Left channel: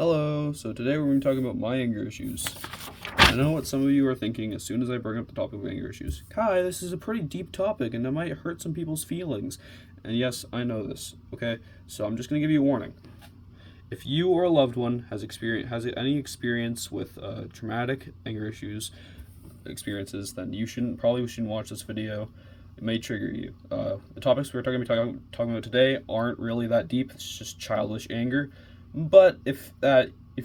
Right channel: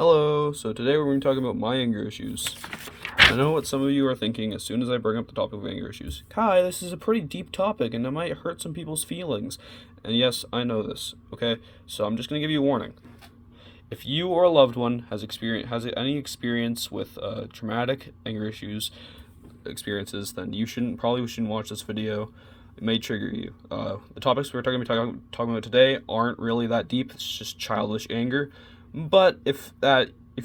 Hello, so today we're going to be talking about my anger issues. I know what some of you are thinking as soon as I bring up the topic of anger issues. Kai, this is a pretty deep topic and it might hurt some people's feelings. And yes, I know this, okay? So I'm just going to give you a warning. If you or a loved one has any experience with traumatic anger experiences, then you probably shouldn't watch this video. It may trigger you. The topics we're talking about today aren't really that deep. It's just childish anger. But if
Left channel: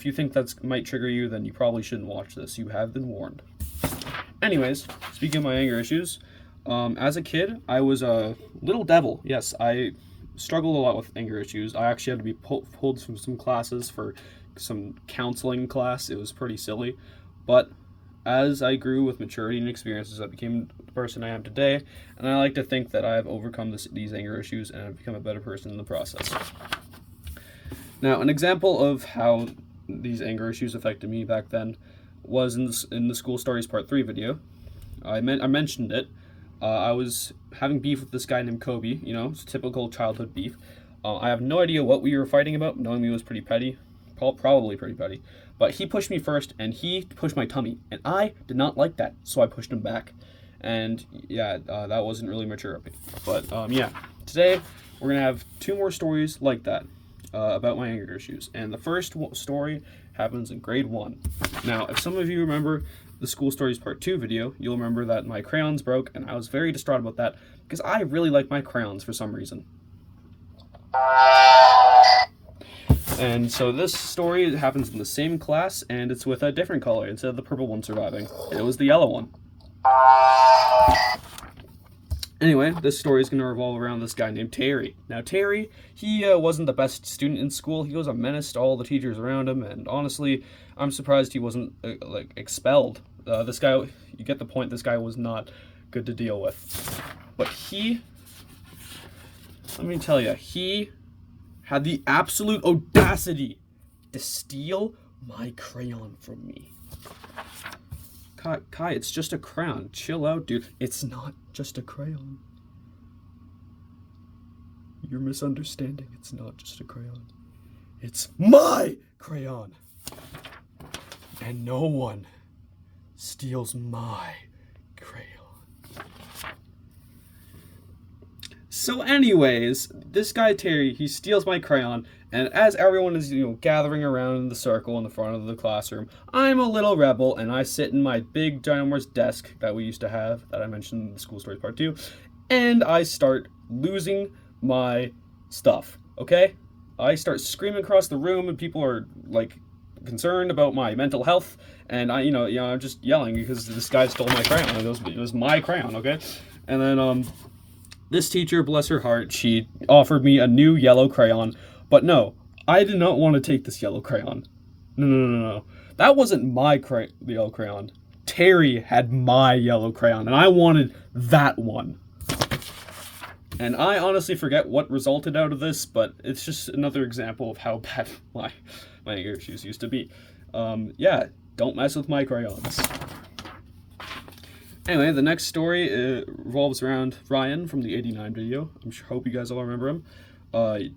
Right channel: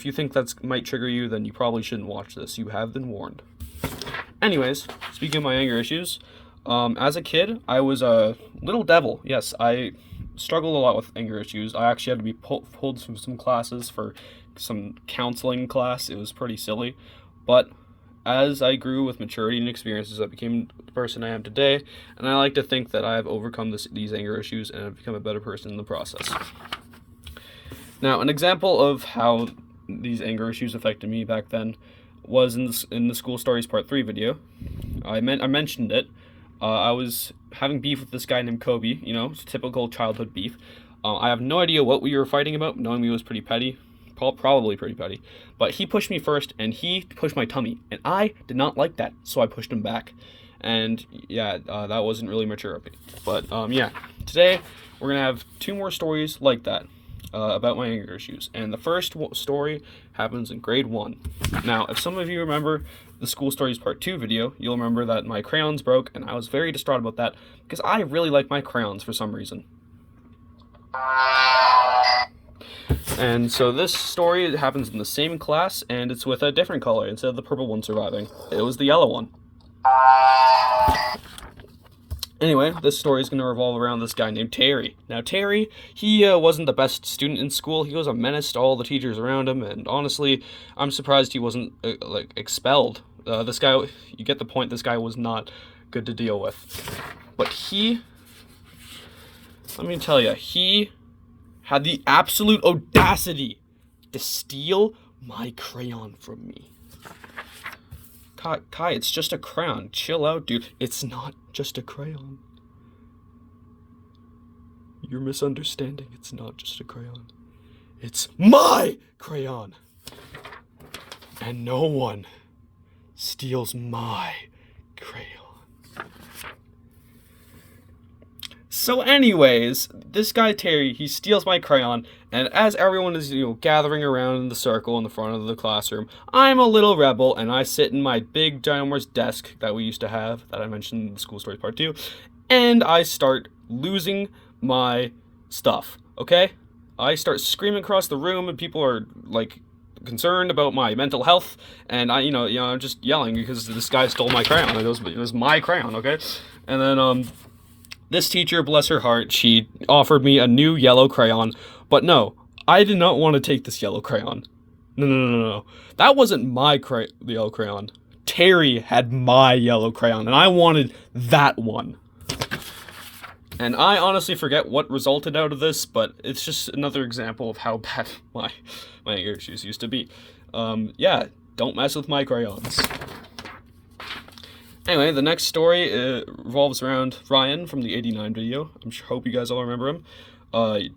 you think that might trigger you, then you probably shouldn't watch this. You have been warned. Anyways, speaking of my anger issues, as a kid, I was a little devil. Yes, I struggled a lot with anger issues. I actually had to be pulled from some classes for some counseling class. It was pretty silly. But as I grew with maturity and experiences, I became the person I am today. And I like to think that I have overcome these anger issues and have become a better person in the process. Now, an example of how these anger issues affected me back then was in the School Stories Part 3 video. I mentioned it. I was having beef with this guy named Kobe, it's typical childhood beef. I have no idea what we were fighting about, knowing me was pretty petty, probably pretty petty. But he pushed me first, and he pushed my tummy, and I did not like that, so I pushed him back. And yeah, that wasn't really mature of me. But today we're going to have two more stories like that. About my anger issues. And the first story happens in grade 1. Now, if some of you remember the School Stories Part 2 video, you'll remember that my crayons broke, and I was very distraught about that because I really like my crayons for some reason. And so this story happens in the same class, and it's with a different color instead of the purple one surviving. It was the yellow one. Anyway, this story is going to revolve around this guy named Terry. Now, Terry, he wasn't the best student in school. He was a menace to all the teachers around him, and honestly, I'm surprised he wasn't, expelled. This guy, you get the point, this guy was not good to deal with. But let me tell you, he had the absolute audacity to steal my crayon from me. Kai, it's just a crayon. Chill out, dude. It's not just a crayon. You're misunderstanding. It's not just a crayon. It's my crayon. And no one steals my crayon. So anyways, this guy Terry, he steals my crayon, and as everyone is, gathering around in the circle in the front of the classroom, I'm a little rebel, and I sit in my big ginormous desk that we used to have, that I mentioned in the School Stories Part 2, and I start losing my stuff, okay? I start screaming across the room, and people are, concerned about my mental health, and I'm just yelling because this guy stole my crayon. It was my crayon, okay? And then, this teacher, bless her heart, she offered me a new yellow crayon, but no, I did not want to take this yellow crayon. No. That wasn't my yellow crayon. Terry had my yellow crayon, and I wanted that one. And I honestly forget what resulted out of this, but it's just another example of how bad my anger issues used to be. Don't mess with my crayons. Anyway, the next story revolves around Ryan from the 89 video. Hope you guys all remember him.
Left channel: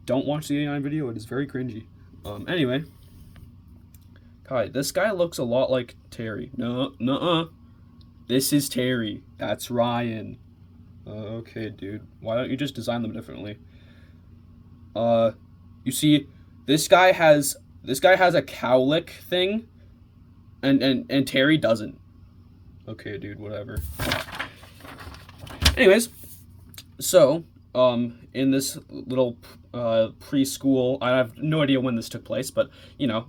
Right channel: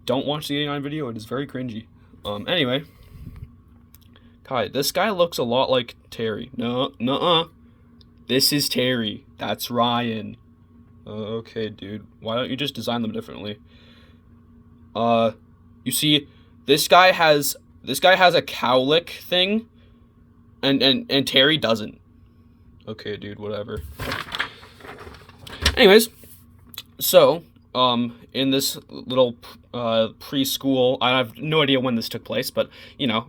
Don't watch the 89 video, it is very cringy. Anyway, Kai, this guy looks a lot like Terry. No, this is Terry. That's Ryan. Okay, dude. Why don't you just design them differently? You see, this guy has a cowlick thing, and Terry doesn't. Okay, dude, whatever. Anyways, so, in this little preschool, I have no idea when this took place, but,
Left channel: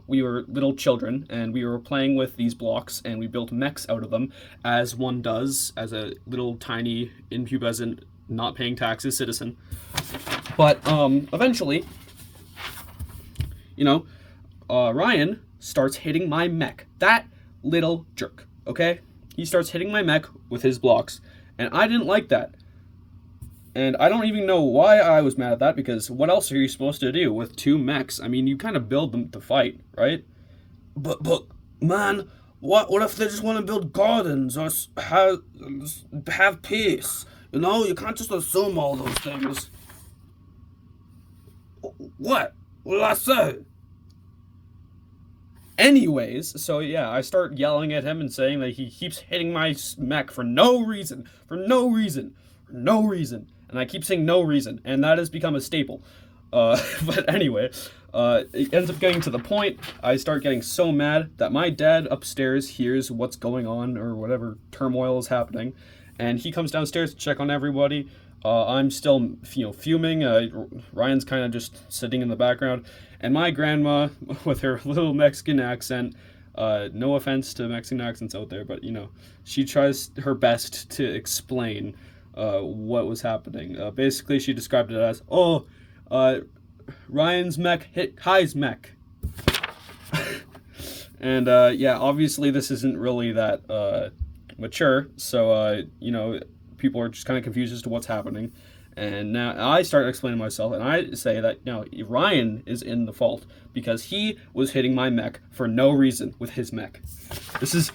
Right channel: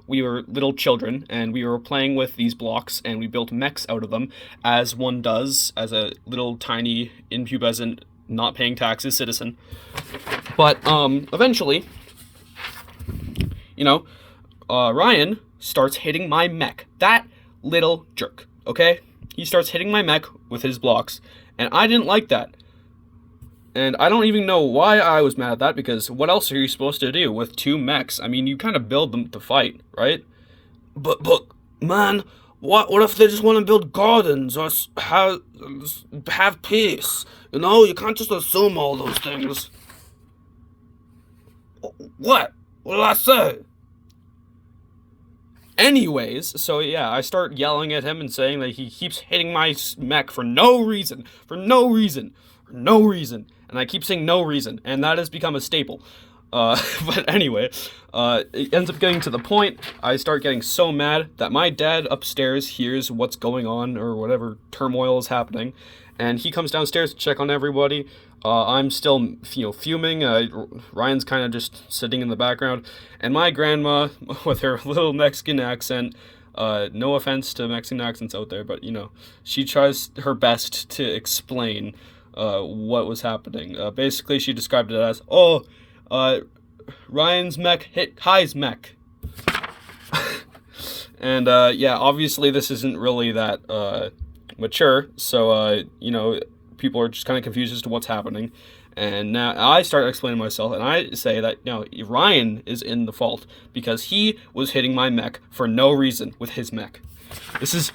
we were little children, and we were playing with these blocks, and we built mechs out of them, as one does, as a little tiny, impubescent, not paying taxes citizen. But, eventually, Ryan starts hitting my mech. That little jerk, okay? He starts hitting my mech with his blocks, and I didn't like that. And I don't even know why I was mad at that, because what else are you supposed to do with two mechs? I mean, you kind of build them to fight, right? But man, what if they just want to build gardens or have peace? You can't just assume all those things. What? What did I say? Anyways, so yeah, I start yelling at him and saying that he keeps hitting my mech for no reason, for no reason, for no reason. And I keep saying no reason, and that has become a staple. But anyway, it ends up getting to the point, I start getting so mad that my dad upstairs hears what's going on, or whatever turmoil is happening, and he comes downstairs to check on everybody. I'm still, fuming. Ryan's kind of just sitting in the background, and my grandma, with her little Mexican accent, no offense to Mexican accents out there, but, she tries her best to explain what was happening. Basically, she described it as, Ryan's mech hit Kai's mech. And, yeah, obviously this isn't really that mature, so, people are just kind of confused as to what's happening. And now I start explaining myself, and I say that, Ryan is in the fault because he was hitting my mech for no reason with his mech. This is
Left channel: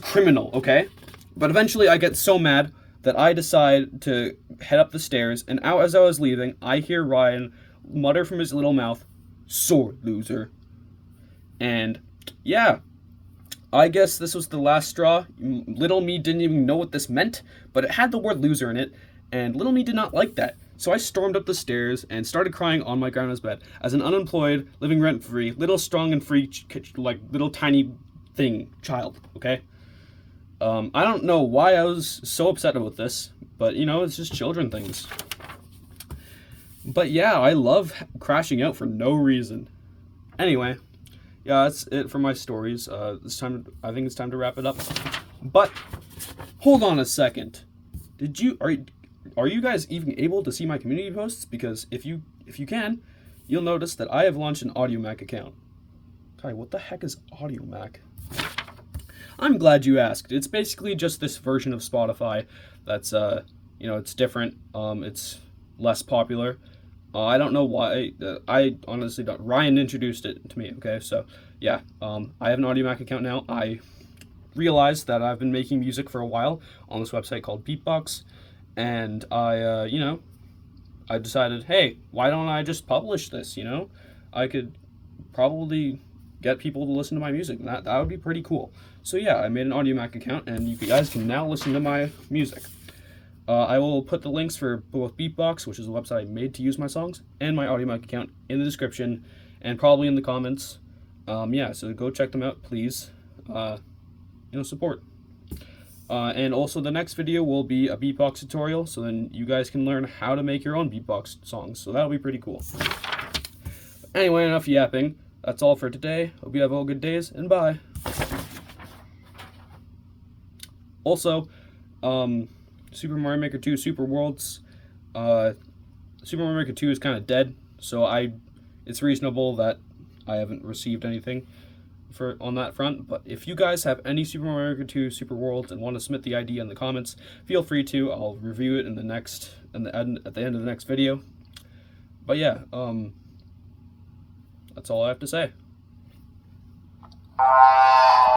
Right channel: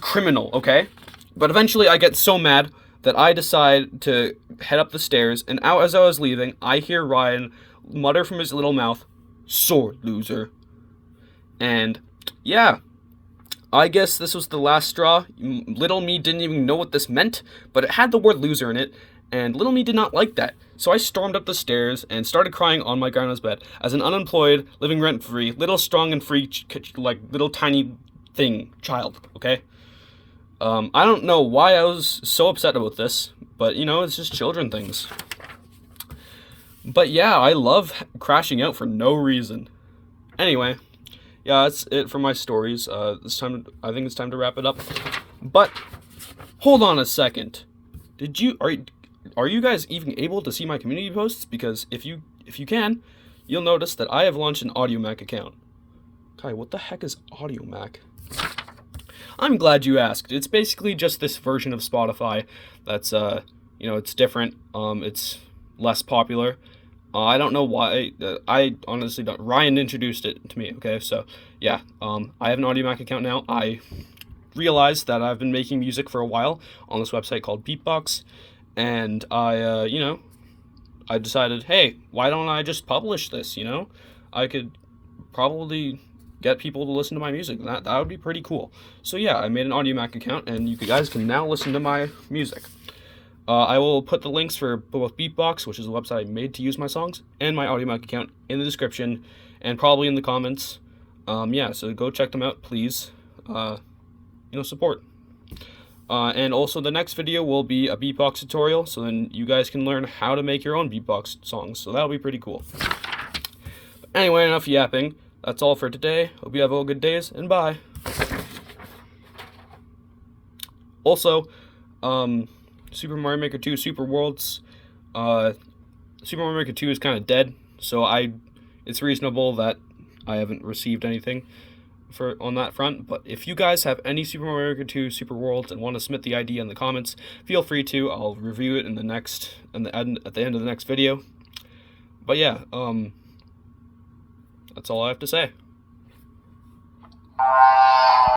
criminal, okay? But eventually I get so mad that I decide to head up the stairs, and out as I was leaving, I hear Ryan mutter from his little mouth, "Sword, loser." And yeah, I guess this was the last straw. Little me didn't even know what this meant, but it had the word loser in it, and little me did not like that. So I stormed up the stairs and started crying on my grandma's bed as an unemployed, living rent-free, little strong and free, little tiny child, okay? I don't know why I was so upset about this, but, it's just children things. But yeah, I love crashing out for no reason. Anyway, yeah, that's it for my stories. I think it's time to wrap it up. But hold on a second. Are you guys even able to see my community posts? Because if you can, you'll notice that I have launched an AudioMac account. Kai, what the heck is AudioMac? I'm glad you asked. It's basically just this version of Spotify that's it's different. It's less popular. I don't know why. I honestly don't. Ryan introduced it to me, okay? So, yeah, I have an AudioMac account now. I realized that I've been making music for a while on this website called Beepbox, and I decided, hey, why don't I just publish this, I could probably get people to listen to my music. That would be pretty cool. So, yeah, I made an AudioMac account, and you guys can now listen to my music. I will put the links for both Beepbox, which is a website I made to use my songs, and my AudioMac account in the description, and probably in the comments. Yeah, so go check them out, please. Support. And also the next video will be a beatbox tutorial, so then you guys can learn how to make your own beatbox songs, so that'll be pretty cool. But anyway, enough yapping. That's all for today. Hope you have all good days, and bye. Also, Super Mario Maker 2 Super Worlds, Super Mario Maker 2 is kind of dead, so it's reasonable that I haven't received anything on that front. But if you guys have any Super Mario Maker 2 Super Worlds and want to submit the idea in the comments, feel free to. I'll review it at the end of the next video. But yeah, that's all I have to say.